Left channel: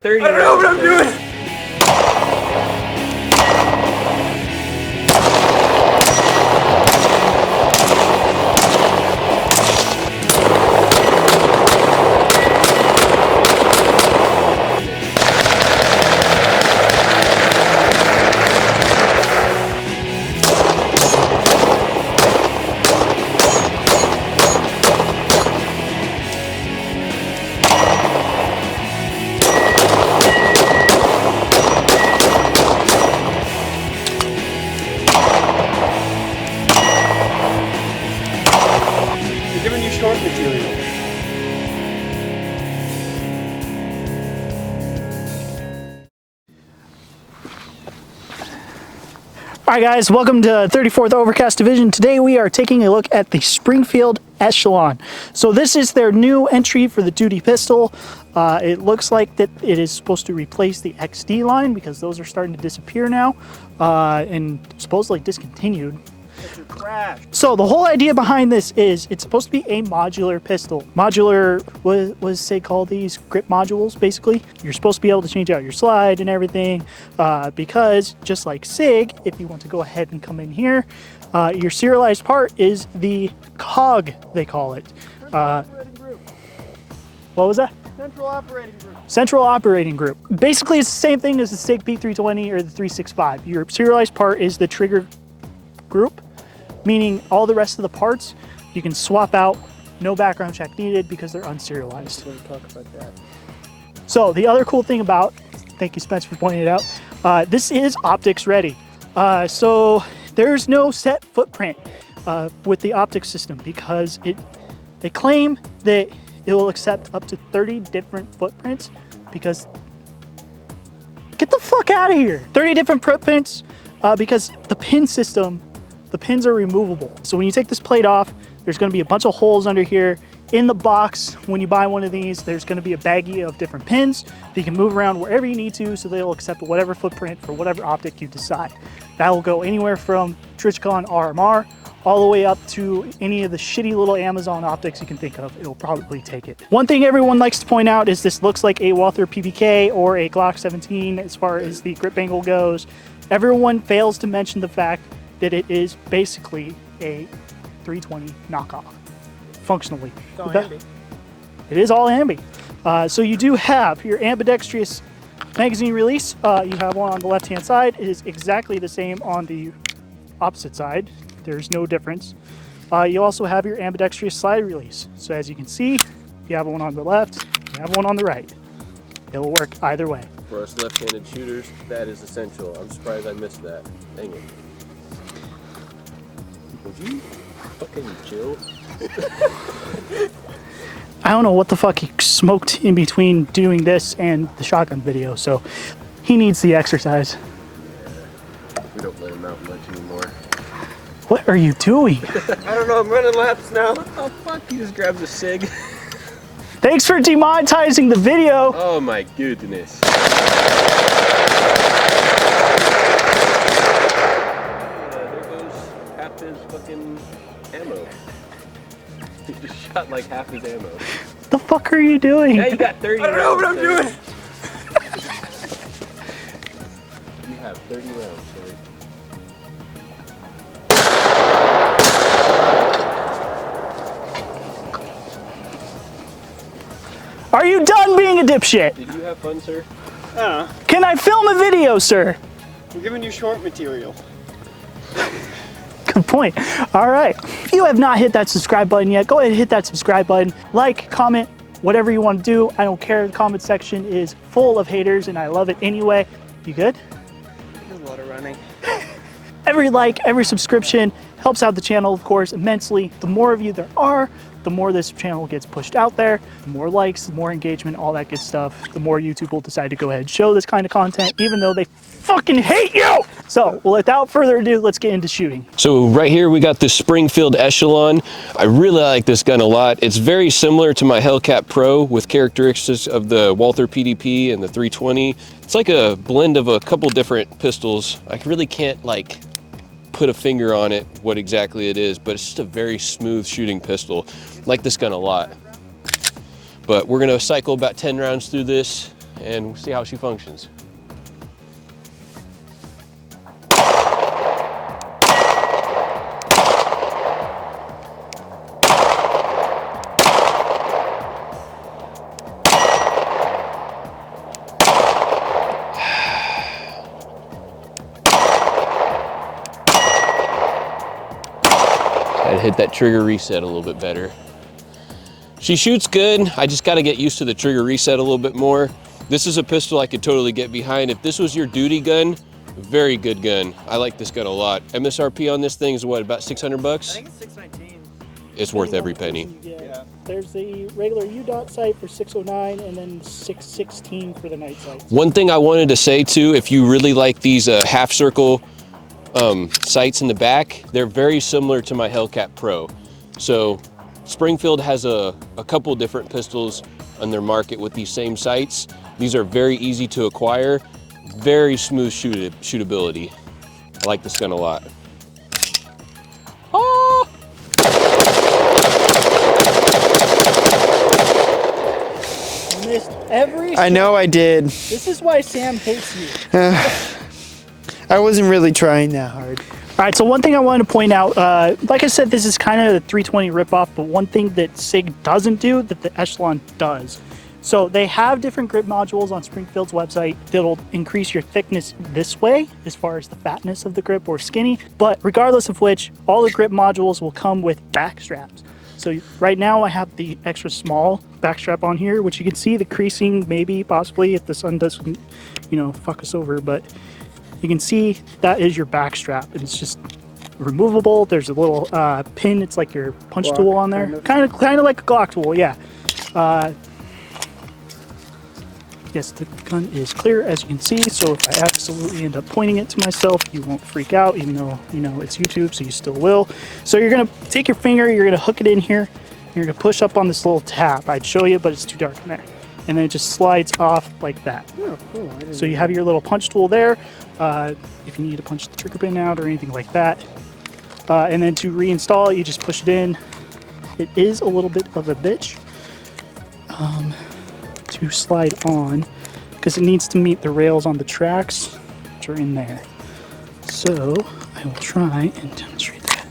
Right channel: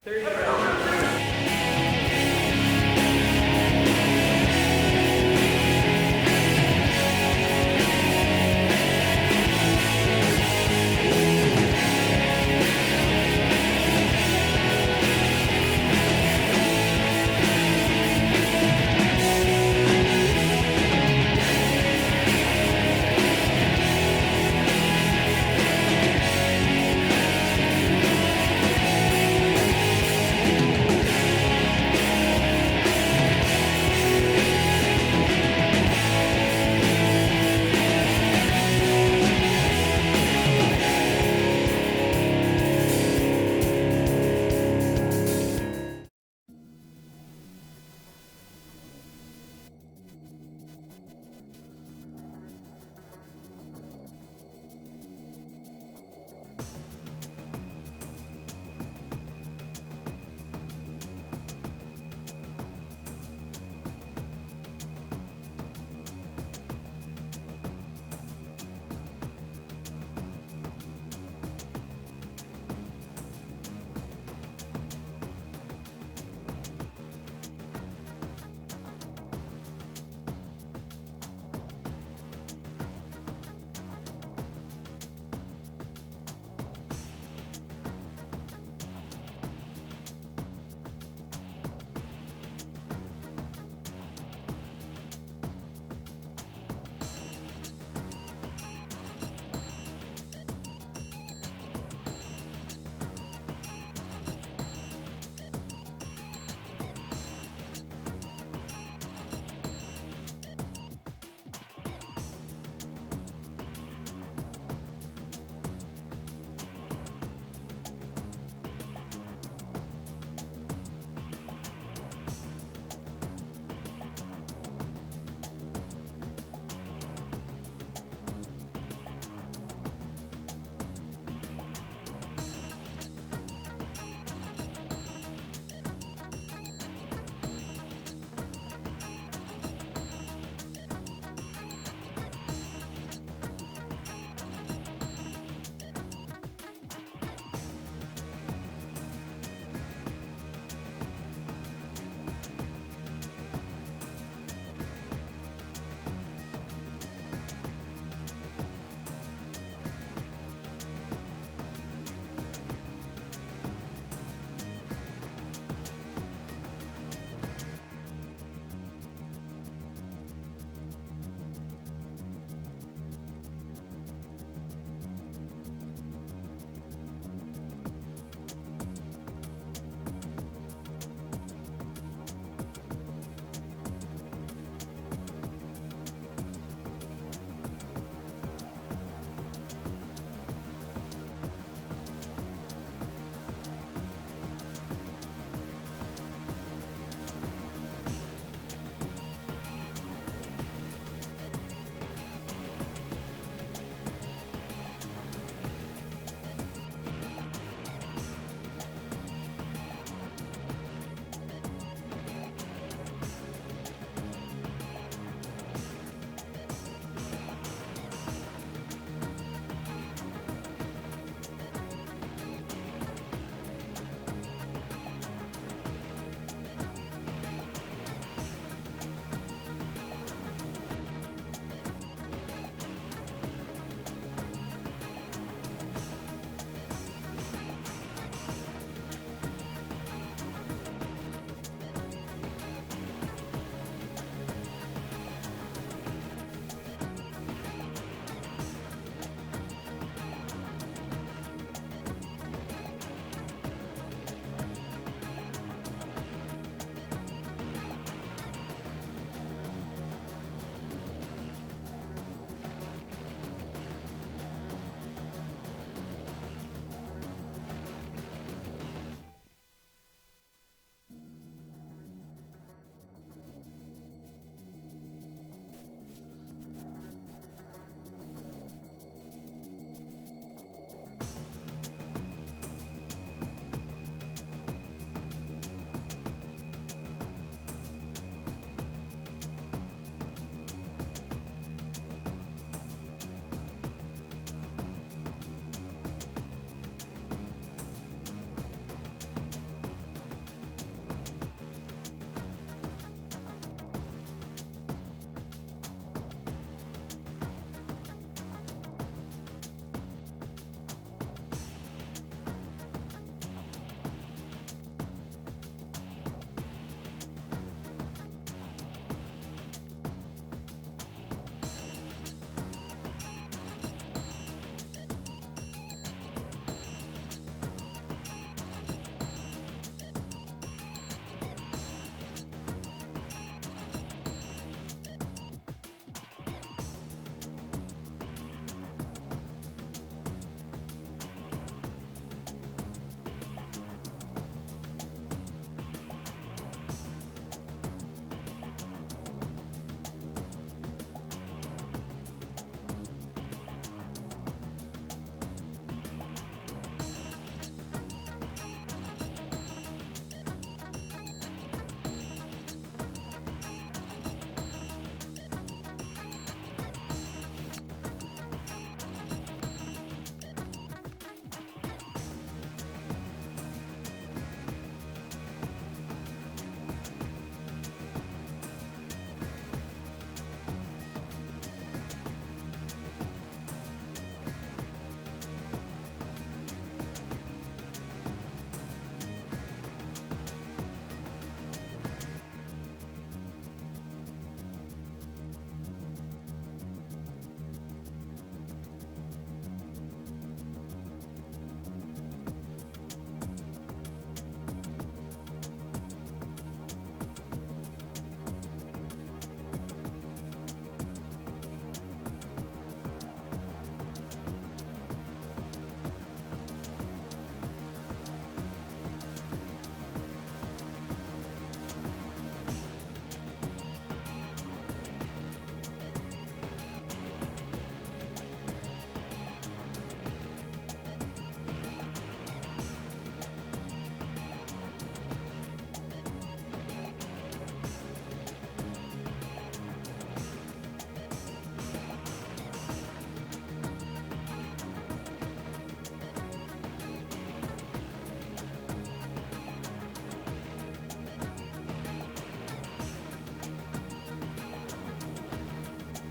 30 I don't know what I'm doing. Alright guys, welcome to 34th Overcast Division. Today we are taking a look at the Springfield Echelon. So this is their new entry for the duty pistol. It looks like that it is supposed to replace the XD line because those are starting to disappear now and supposedly discontinued. So the whole idea behind this is it's supposed to be a modular pistol. Modular, what does say call these? Grip modules, basically. You're supposed to be able to change out your slide and everything because just like SIG, if you want to go ahead and come in here, your serialized part is the cog, they call it. What was that? Central operating group. Central operating group. Basically, it's the same thing as the SIG P320 or the 365. Your serialized part is the trigger group, meaning all the rest of the parts you can swap out, no background check needed because they're unserialized. So the other cool thing about, thank you Spencer for pointing it out, this is optics ready. So there's no set footprint with the optics system because they claim that it will accept up to 30 different footprints because, get the fuck out of here, 30 different footprints because the pin system, the pins are removable. So when you take this plate off, there's going to be a bunch of holes under here. In the box, when you buy one of these, there's going to be a baggie of different pins that you can move around wherever you need to, so they'll accept whatever footprint for whatever optic you decide. That will go anywhere from Trichcon RMR all the way up to any of the shitty little Amazon optics you can think of. It'll probably take it. One thing everyone likes to point out is this looks like a Walther PPK or a Glock 17 as far as the grip angle goes. Everyone fails to mention the fact that it is basically a 320 knockoff, functionally. It is all ambi. So you do have your ambidextrous magazine release. You have one on the left-hand side. It is exactly the same on the opposite side. There's no difference. You also have your ambidextrous slide release. So as you can see, you have one on the left, you have one on the right. It will work either way. For us left-handed shooters, that is essential. I'm surprised I missed that. Dang it. Would you fucking chill? I don't know what the fuck he smoked in between doing this and the shotgun video, so he needs the exercise. We don't let him out much anymore. What are you doing? I don't know, I'm running laps now. Oh fuck, he just grabs a SIG. Thanks for demonetizing the video. Oh my goodness. Shot like half his ammo. What the fuck are you doing? Now you got 30 rounds. I don't know what I'm doing. You have 30 rounds, sir. Are you done being a dipshit? Did you have fun, sir? Can I film a video, sir? I'm giving you short material. Good point. All right. If you have not hit that subscribe button yet, go ahead and hit that subscribe button. Like, comment, whatever you want to do. I don't care. The comment section is full of haters, and I love it anyway. You good? A lot of running. Every like, every subscription helps out the channel, of course, immensely. The more of you there are, the more this channel gets pushed out there, the more likes, the more engagement, all that good stuff, the more YouTube will decide to go ahead and show this kind of content, even though they fucking hate you! So, without further ado, let's get into shooting. So right here we got the Springfield Echelon. I really like this gun a lot. It's very similar to my Hellcat Pro with characteristics of the Walther PDP and the 320. It's like a blend of a couple different pistols. I really can't like put a finger on it, what exactly it is, but it's just a very smooth shooting pistol. I like this gun a lot. But we're gonna cycle about 10 rounds through this. and we'll see how she functions. I'd hit that trigger reset a little bit better. She shoots good. I just got to get used to the trigger reset a little bit more. This is a pistol I could totally get behind. If this was your duty gun, very good gun. I like this gun a lot. MSRP on this thing is what, about 600 bucks? I think it's 619. It's worth every penny. Yeah. There's the regular UDOT sight for 609 and then 616 for the night sight. One thing I wanted to say too, if you really like these half circle sights in the back, they're very similar to my Hellcat Pro. So Springfield has a couple different pistols on their market with these same sights. These are very easy to acquire, very smooth shootability. I like this gun a lot. Oh! You missed every I know I did. This is why Sam hates you. I wasn't really trying that hard. All right, so one thing I wanted to point out, like I said, this is kind of a 320 ripoff, but one thing that SIG doesn't do that the Echelon does. So they have different grip modules on Springfield's website that'll increase your thickness this way, as far as the fatness of the grip or skinny, but regardless of which, all the grip modules will come with back straps. So right now I have the extra small backstrap on here, which you can see the creasing, maybe, possibly, if the sun doesn't, fuck us over, but you can see that is your back strap. It's just removable. There's a little pin. It's like your punch tool on there. Kind of like a Glock tool, yeah. Yes, the gun is clear, as you can see. So if I absolutely end up pointing it to myself, you won't freak out, even though, it's YouTube, so you still will. So you're gonna take your finger, you're gonna hook it in here. You're gonna push up on this little tab. I'd show you, but it's too dark in there. And then it just slides off like that. Oh, cool. So you have your little punch tool there. If you need to punch the trigger pin out or anything like that. And then to reinstall it, you just push it in. It is a little bit of a bitch to slide on because it needs to meet the rails on the tracks, which are in there. So I will try and demonstrate that.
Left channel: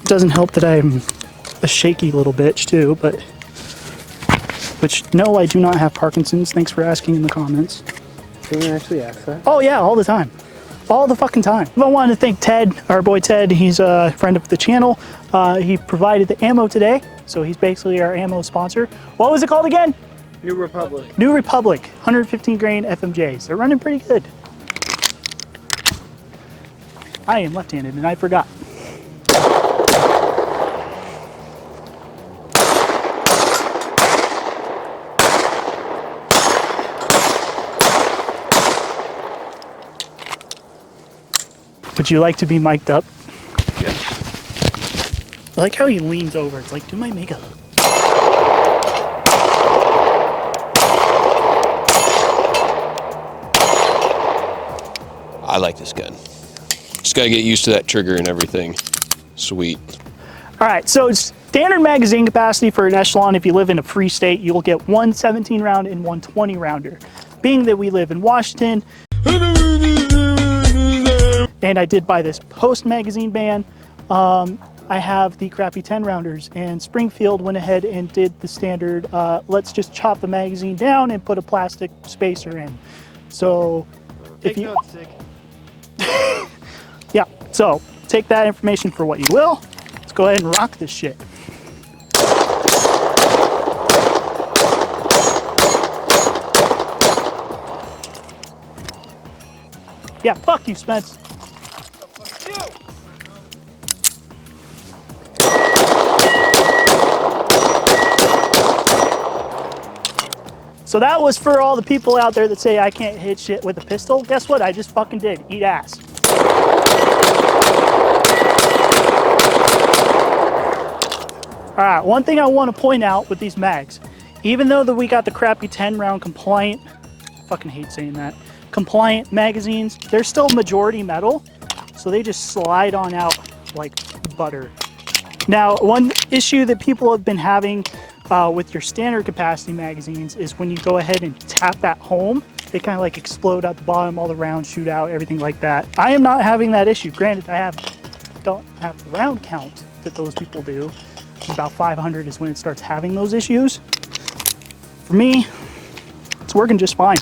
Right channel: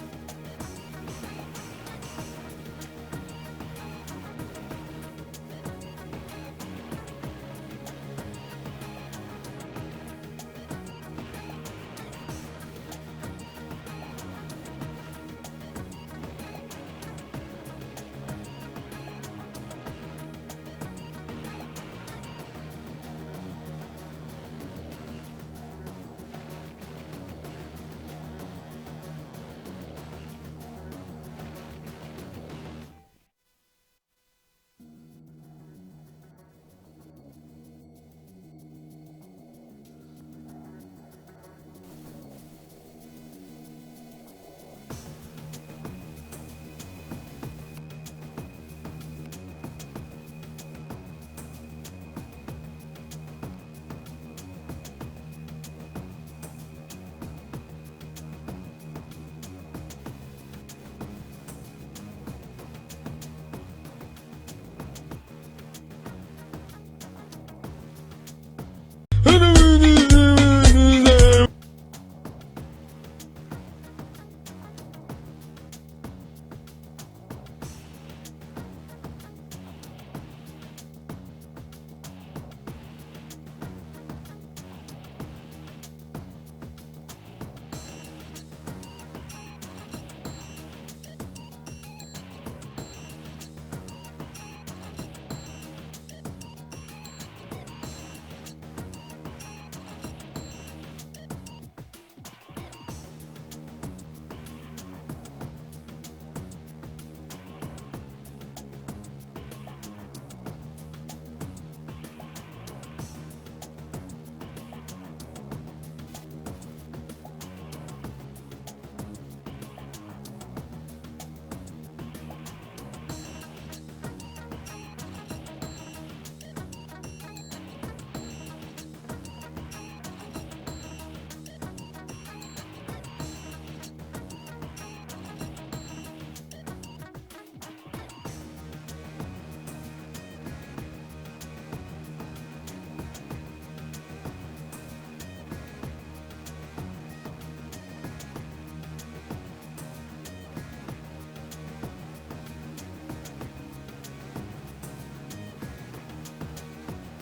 It doesn't help that I'm a shaky little bitch too, but which, no, I do not have Parkinson's. Thanks for asking in the comments. Can you actually ask that? Oh yeah, all the time. All the fucking time. I wanted to thank Ted, our boy Ted. He's a friend of the channel. He provided the ammo today, so he's basically our ammo sponsor. What was it called again? New Republic. New Republic, 115 grain FMJs. They're running pretty good. I am left-handed and I forgot. Would you like to be mic'd up? Yes. I like how he leans over. It's like, do my makeup. I like this gun. Just gotta get used to that trigger and everything. Sweet. All right, so standard magazine capacity for an Echelon, if you live in a free state, you'll get one 17 round and one 20 rounder. Being that we live in Washington, and I did buy this post magazine ban, I have the crappy 10 rounders, and Springfield went ahead and did the standard, let's just chop the magazine down and put a plastic spacer in. So if you, yeah, so take that information for what you will. Let's go ahead and rock this shit. Yeah, fuck you, Spence. So that was for all the people out there that say I can't hit shit with a pistol. Guess what? I just fucking did. Eat ass. All right, one thing I want to point out with these mags, even though that we got the crappy 10 round compliant, fucking hate saying that, compliant magazines, they're still majority metal, so they just slide on out like butter. Now, one issue that people have been having with your standard capacity magazines is when you go ahead and tap that home, they kind of like explode at the bottom, all the rounds shoot out, everything like that. I am not having that issue. Granted, don't have the round count that those people do. About 500 is when it starts having those issues. For me, it's working just fine.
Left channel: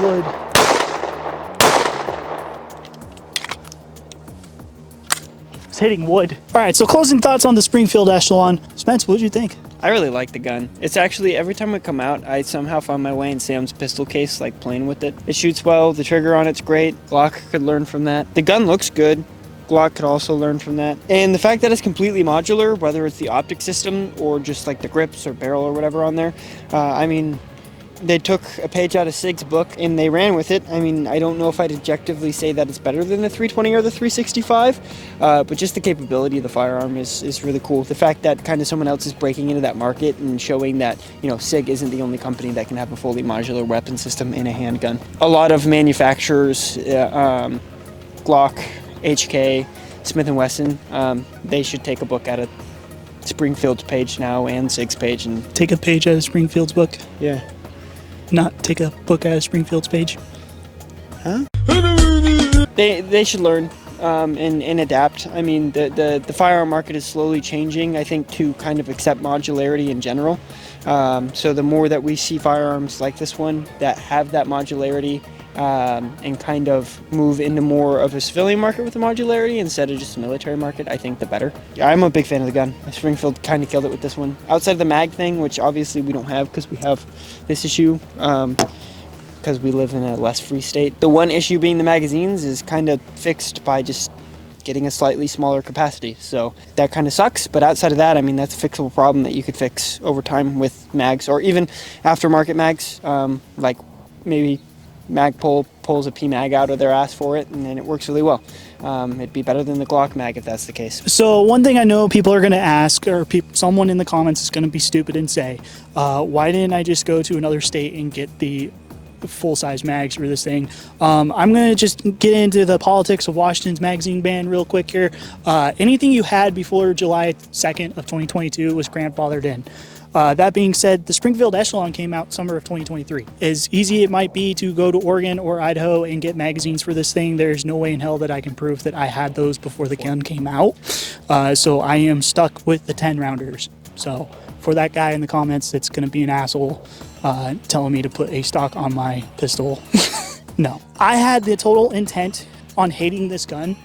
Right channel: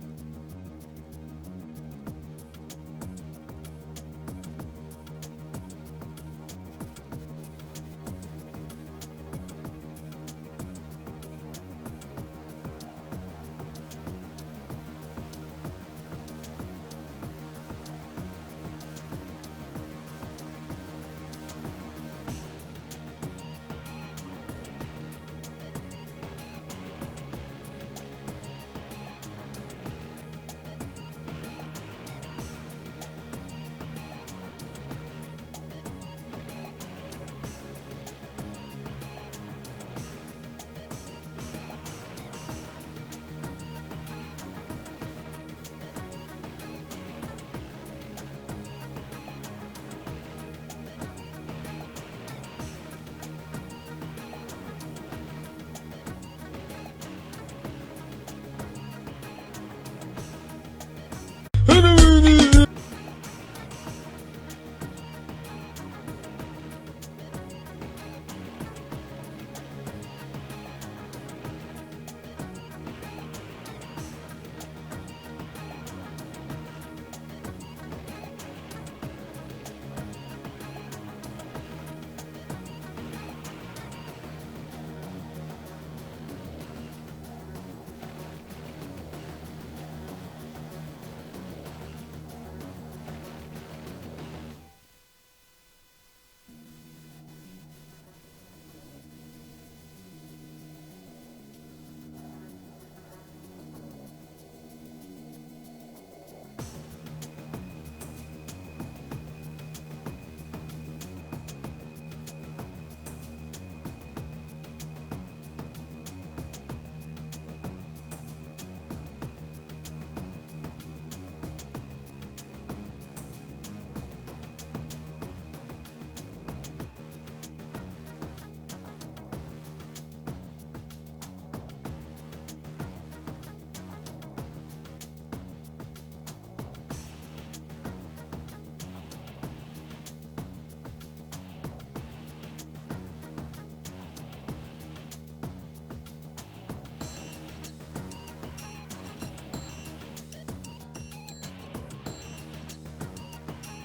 Wood. It's hitting wood. All right, so closing thoughts on the Springfield Echelon. Spence, what did you think? I really like the gun. It's actually, every time I come out, I somehow find my way in Sam's pistol case, like playing with it. It shoots well, the trigger on it's great. Glock could learn from that. The gun looks good. Glock could also learn from that. And the fact that it's completely modular, whether it's the optic system or just like the grips or barrel or whatever on there, I mean, they took a page out of Sig's book and they ran with it. I mean, I don't know if I'd objectively say that it's better than the 320 or the 365, but just the capability of the firearm is really cool. The fact that kind of someone else is breaking into that market and showing that, you know, Sig isn't the only company that can have a fully modular weapon system in a handgun. A lot of manufacturers, Glock, HK, Smith & Wesson, they should take a book out of Springfield's page now and Sig's page and Take a page out of Springfield's book. yeah. Not take a book out of Springfield's page. Huh? They should learn and adapt. I mean, the firearm market is slowly changing, I think, to kind of accept modularity in general. So the more that we see firearms like this one that have that modularity and kind of move into more of a civilian market with the modularity instead of just a military market, I think the better. Yeah, I'm a big fan of the gun. Springfield kind of killed it with this one. Outside of the mag thing, which obviously we don't have because we have this issue, because we live in a less free state. The one issue being the magazines is kind of fixed by just getting a slightly smaller capacity. So that kind of sucks, but outside of that, I mean, that's a fixable problem that you could fix over time with mags or even aftermarket mags, like maybe Magpul pulls a PMag out of their ass for it and then it works really well. It'd be better than the Glock mag if that's the case. So one thing I know people are going to ask, or someone in the comments is going to be stupid and say, why didn't I just go to another state and get the full-size mags for this thing? I'm going to just get into the politics of Washington's magazine ban real quick here. Anything you had before July 2nd of 2022 was grandfathered in. That being said, the Springfield Echelon came out summer of 2023. As easy it might be to go to Oregon or Idaho and get magazines for this thing, there's no way in hell that I can prove that I had those before the gun came out. So I am stuck with the 10 rounders. So for that guy in the comments that's going to be an asshole telling me to put a stock on my pistol, no. I had the total intent on hating this gun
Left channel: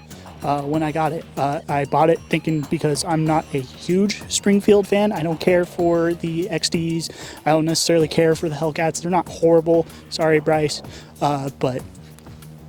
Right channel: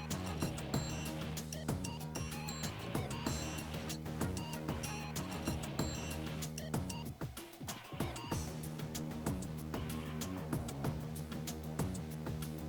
when I got it. I bought it thinking, because I'm not a huge Springfield fan, I don't care for the XDs, I don't necessarily care for the Hellcats, they're not horrible, sorry Bryce, but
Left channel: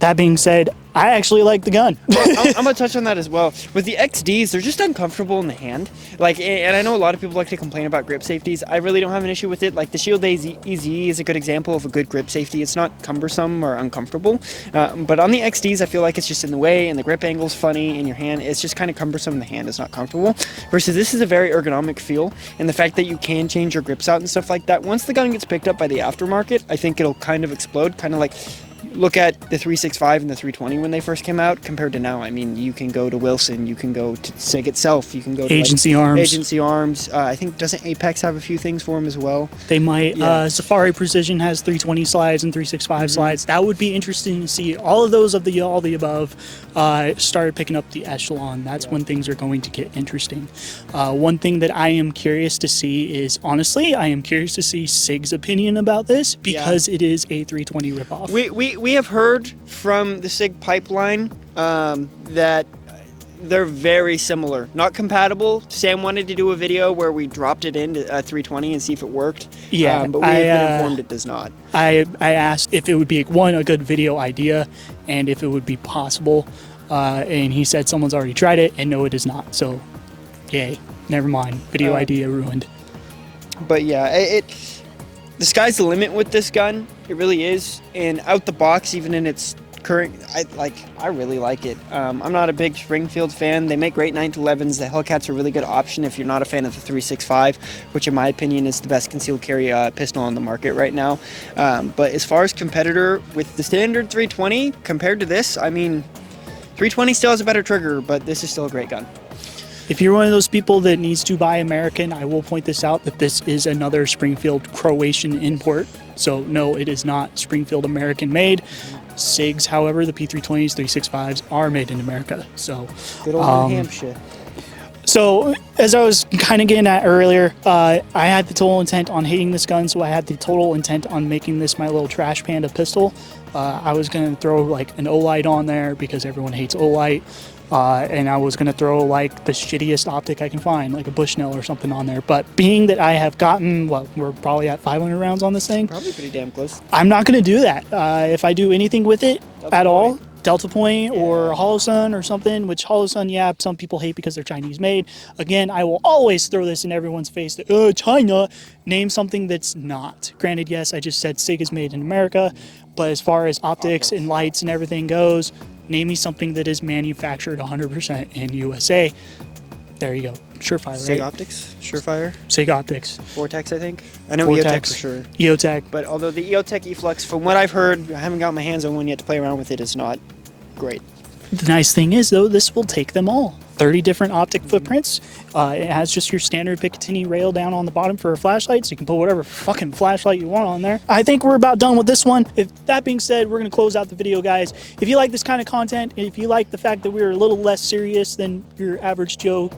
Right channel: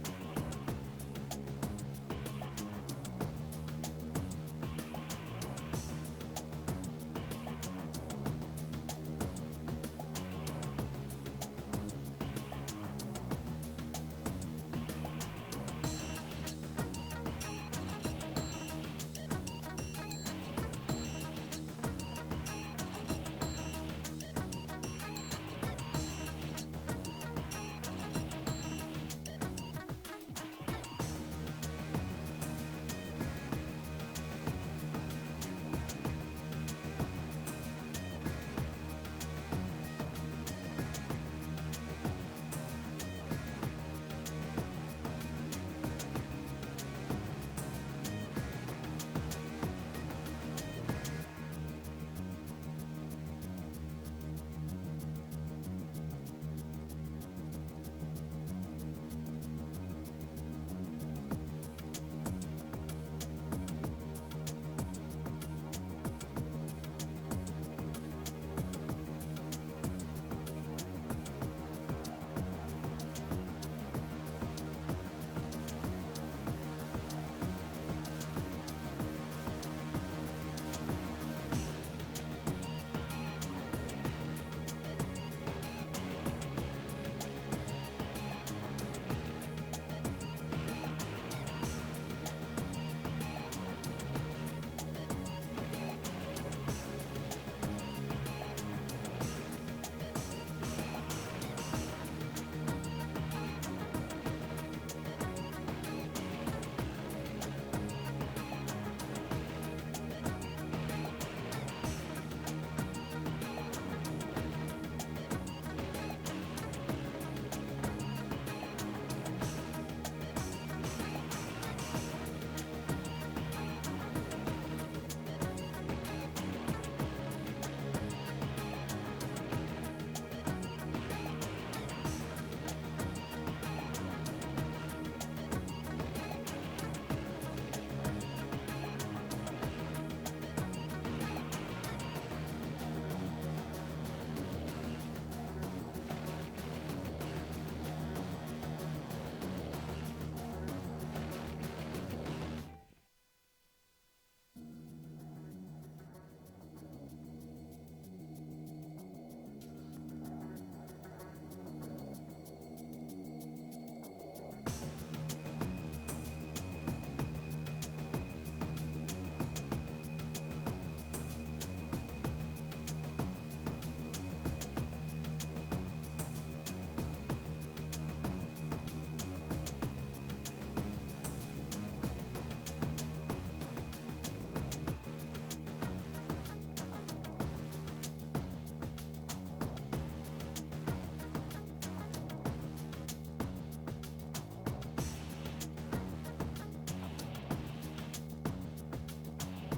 that being said, I actually like the gun. I'm gonna touch on that as well. With the XDs, they're just uncomfortable in the hand. Like, and I know a lot of people like to complain about grip safeties. I really don't have an issue with it. Like the Shield EZ is a good example of a good grip safety. It's not cumbersome or uncomfortable. But on the XDs, I feel like it's just in the way, and the grip angle's funny in your hand. It's just kind of cumbersome in the hand. It's not comfortable. Versus this is a very ergonomic feel, and the fact that you can change your grips out and stuff like that. Once the gun gets picked up by the aftermarket, I think it'll kind of explode, kind of like. Look at the 365 and the 320 when they first came out compared to now. I mean, you can go to Wilson, you can go to SIG itself, you can go to Agency Arms. Agency Arms. I think, doesn't Apex have a few things for them as well? They might. Yeah. Safari Precision has 320 slides and 365 slides. That would be interesting to see. All of those of all the above started picking up the Echelon. That's when things are going to get interesting. One thing that I am curious to see is, honestly, I am curious to see SIG's opinion about this, because it is a 320 ripoff. We have heard from the SIG pipeline that they're very similar, not compatible. Sam wanted to do a video where we dropped it into 320 and see if it worked. Yeah, but we have been informed it does not. I asked if it would be, a good video idea, and if it would be possible, and he said someone's already tried it, and no, it is not. So, yay, never mind. Video idea ruined. But yeah, the sky's the limit with this gun. It really is. And out the box, even in its I really like it. I'm not a big Springfield fan. They make great 911s. The Hellcat's a really good option if you're not a fan of the 365, which in my opinion is the best concealed carry pistol on the market right now. But as far as competitor with the standard 320 compared to this, I mean, 320 still has a better trigger, but this is still a great gun. If you're one of those people that needs to buy American, I will point this out that this is another Springfield Croatian import. So no, it is not Springfield American made. SIGs, however, the P320s, 365s are made in America. So Good old New Hampshire. So, as I was kind of getting at earlier, I had the total intent on hating this gun, so I had the total intent on making this my little trash panda pistol. I was going to throw like an Olight on there because everyone hates Olight, and I was going to throw like the shittiest optic I can find, like a Bushnell or something on there. But being that I have gotten, we're probably at 500 rounds on this thing. Probably pretty damn close. I'm not going to do that. If I do anything with it at all, Delta Point or Holosun or something, which Holosun, yeah, some people hate because they're Chinese made. Again, I will always throw this in everyone's face that, China, name something that's not. Granted, yes, I just said SIG is made in America, but as far as optics and lights and everything goes, name me something that is manufactured 100% in USA. There you go. Surefire, right? SIG Optics? Surefire? SIG Optics. Vortex, I think. I know Vortex. EOTech for sure. EOTech. But although the EOTech E-Flux, from what I've heard, I haven't got my hands on one yet to play around with it, it's not great. The nice thing is, though, this will take them all. 30 different optic footprints. It has just your standard Picatinny rail down on the bottom for a flashlight, so you can put whatever fucking flashlight you want on there. I think we're about done with this one. If that being said, we're going to close out the video, guys. If you like this kind of content, if you like the fact that we're a little less serious than your average Joe,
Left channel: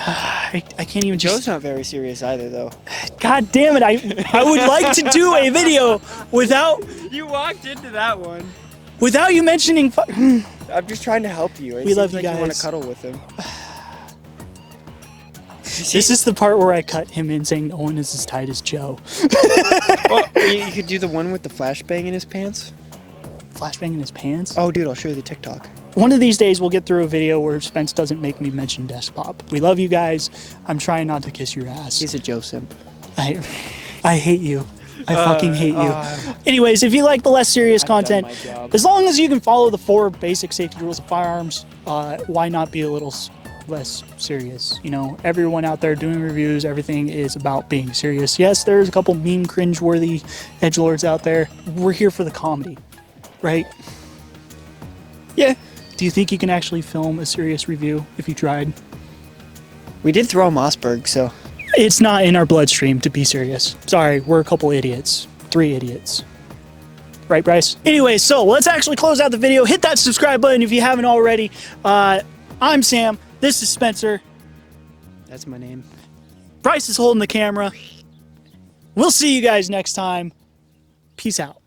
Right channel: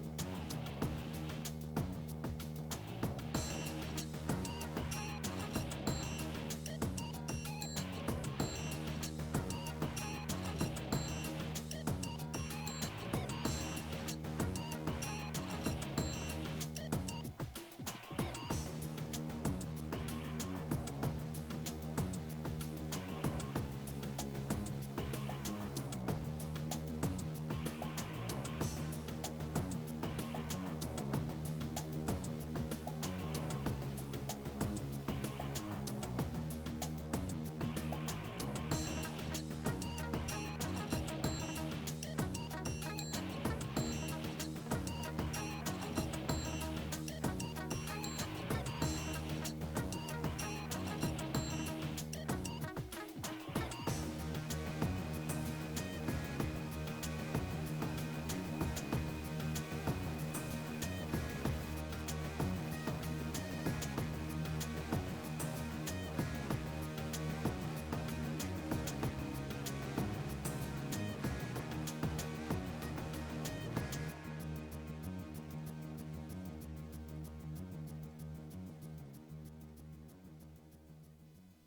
I can't even Joe's not very serious either, though. God damn it, I would like to do a video without... You walked into that one. Without you mentioning... I'm just trying to help you. We love you like you want guys. to cuddle with him. This is the part where I cut him in saying no one is as tight as Joe. Well, you could do the one with the flashbang in his pants. Flashbang in his pants? Oh, dude, I'll show you the TikTok. One of these days we'll get through a video where Spence doesn't make me mention Despop. We love you guys. I'm trying not to kiss your ass. He's a Joe simp. I hate you. I fucking hate you. Anyways, if you like the less serious content, as long as you can follow the 4 basic safety rules of firearms, why not be a little less serious? You know, everyone out there doing reviews, everything is about being serious. Yes, there's a couple meme cringe-worthy edgelords out there. We're here for the comedy, right? Yeah. Do you think you can actually film a serious review if you tried? We did throw Mossberg, so... It's not in our bloodstream to be serious. Sorry, we're a couple idiots. 3 idiots. Right, Bryce? Anyway, so let's actually close out the video. Hit that subscribe button if you haven't already. I'm Sam. This is Spencer. That's my name. Bryce is holding the camera. We'll see you guys next time. Peace out.